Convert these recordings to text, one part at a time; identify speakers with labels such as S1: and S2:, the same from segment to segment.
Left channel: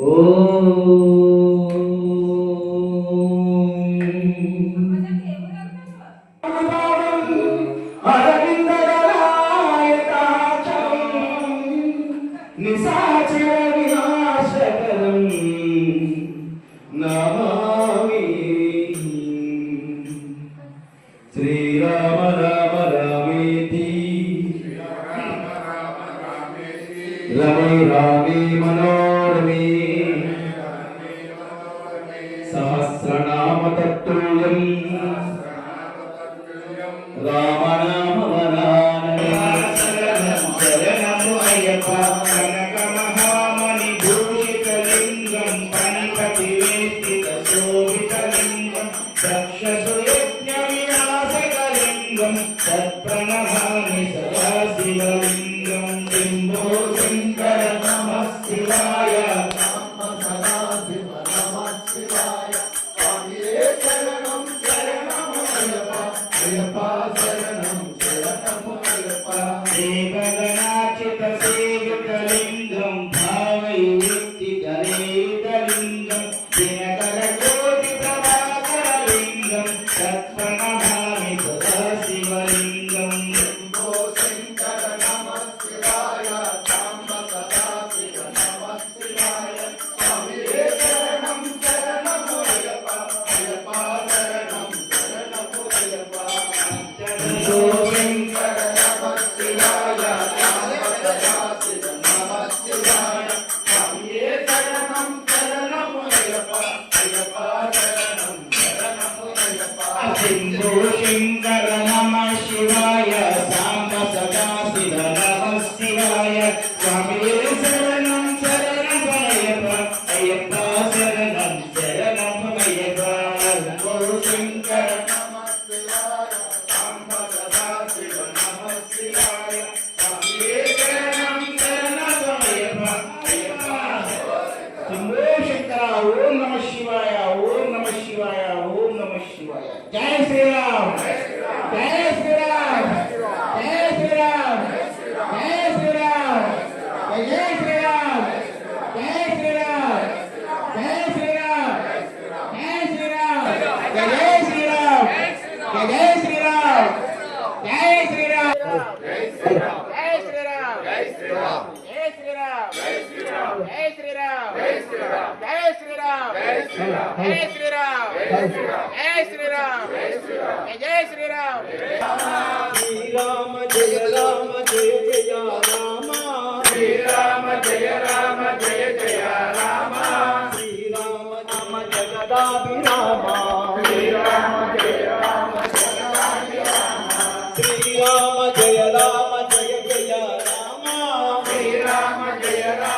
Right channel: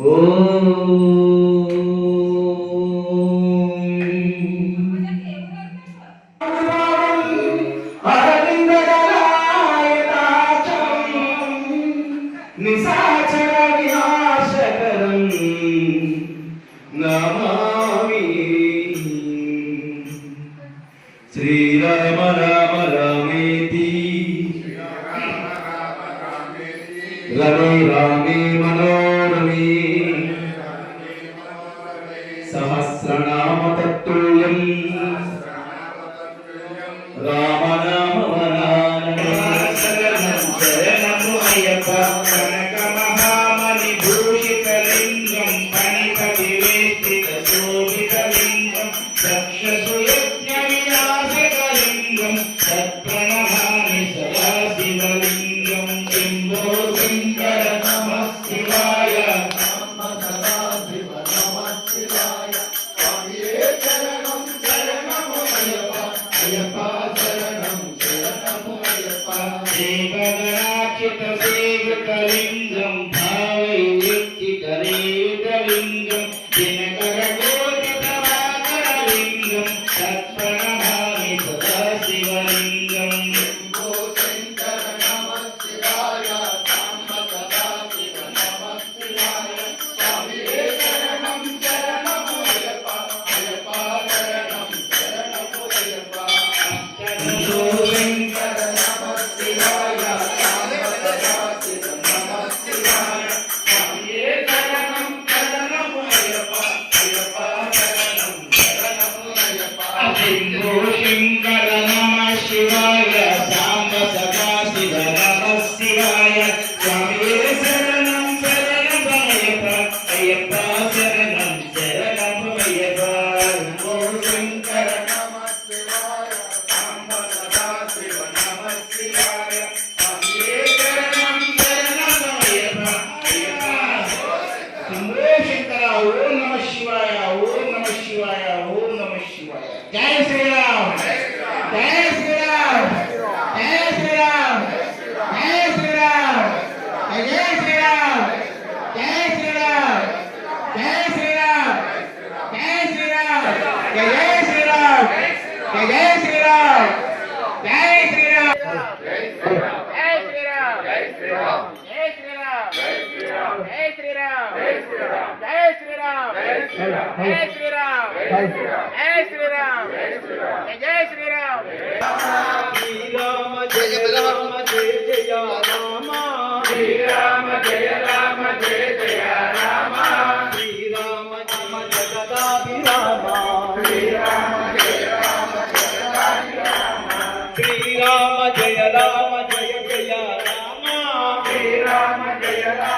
S1: Oh. Sri Ramana. శివాయ ఓం నమ శివాయ ఓం నమ శివాయ
S2: జయ శ్రీరామ్ జయ శ్రీరామ్ జయ శ్రీరామ్ జయ శ్రీరామ్ జయ శ్రీరామ్ జయ శ్రీరామ్ జయ శ్రీరామ్ జయ శ్రీరామ్ జయ శ్రీరామ్ జయ శ్రీరామ్ జయ జై శ్రీరామ్ జై శ్రీరామ్ జై శ్రీరామ్ శ్రీరామ జయ రామ జయ జయ రామ శ్రీరామ జయ రామ జయ జయ రామ శ్రీరామ రామ జగదాభిరామ శ్రీరామ జయ రామ జగదాభిరామ శ్రీరామ జయ రామ జయ జయ రామ శ్రీరామ జయ రామ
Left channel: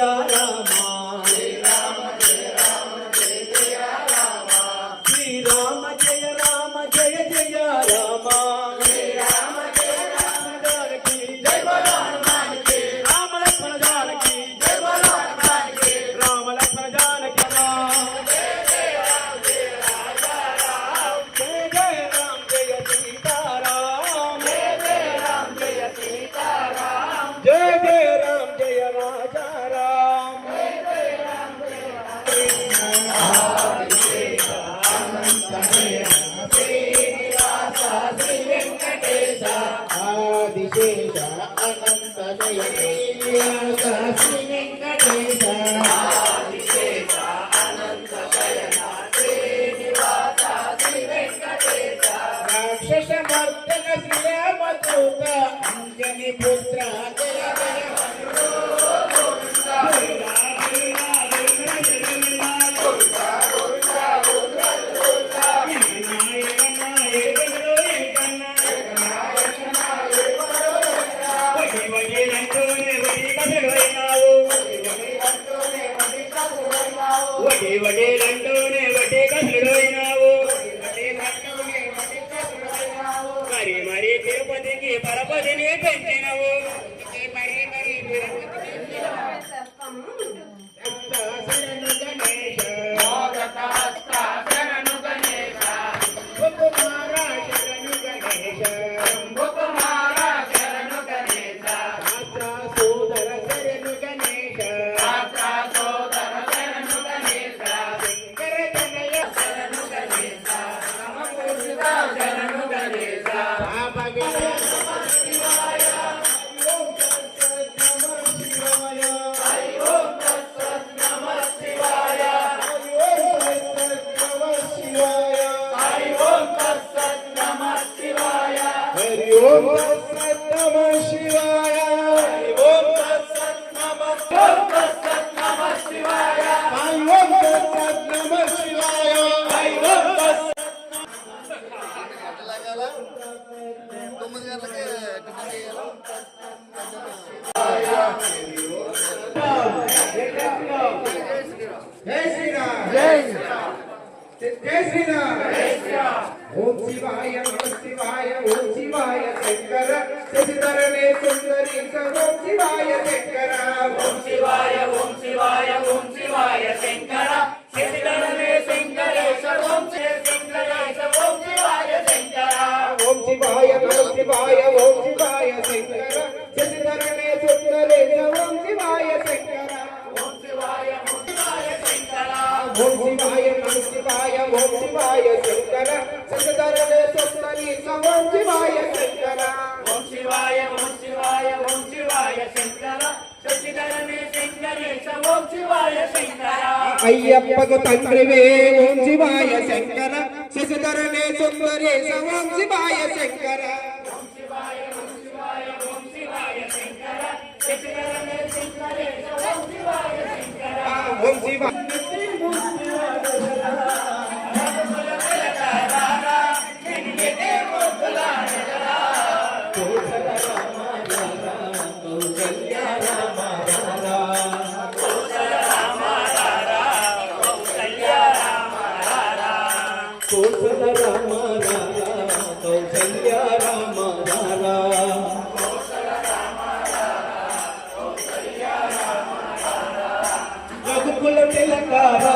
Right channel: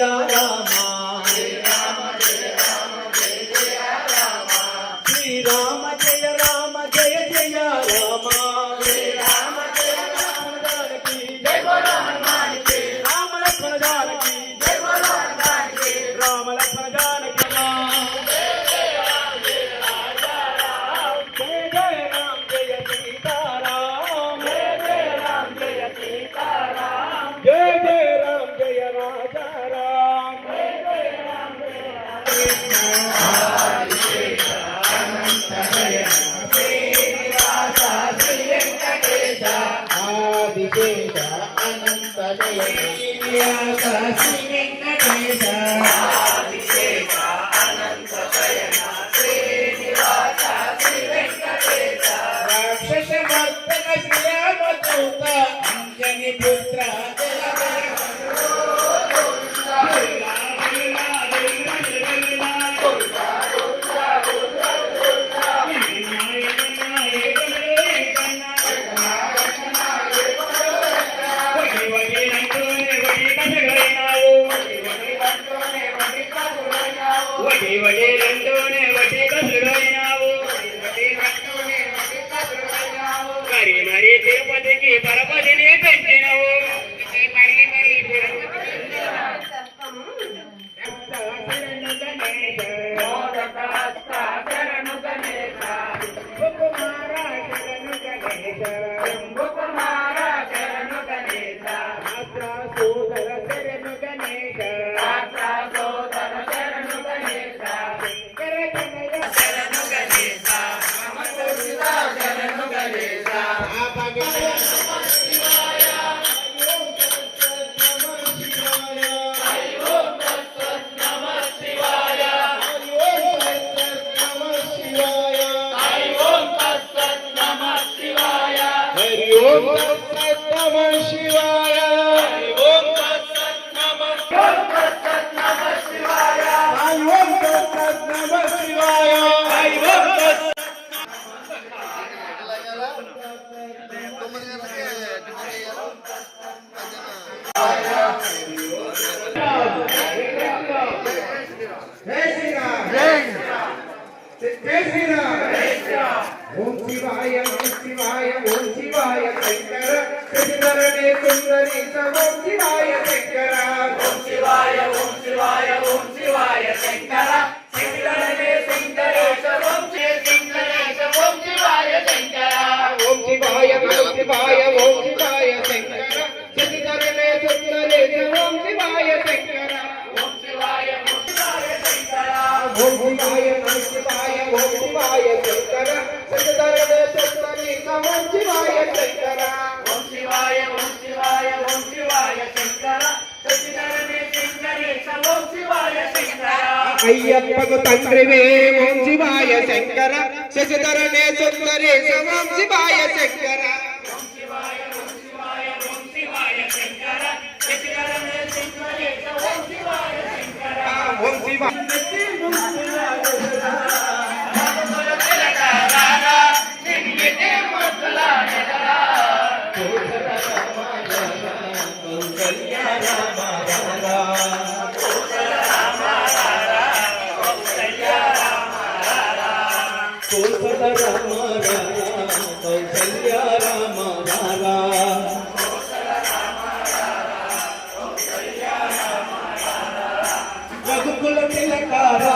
S2: राजा राम Amém. Bravo. భూమాయ సంస్కృతాయ ఓం శివాయ శంకర. సంగతరదేశ్వరి నమో శివాయ శంకర ఓం శివాయ ఓం శంకర. అయ్యప్పకు తండ్రినే సుందరే ఓం శంకర. శంకర. ஓம் சிவா రంగుల తిలకార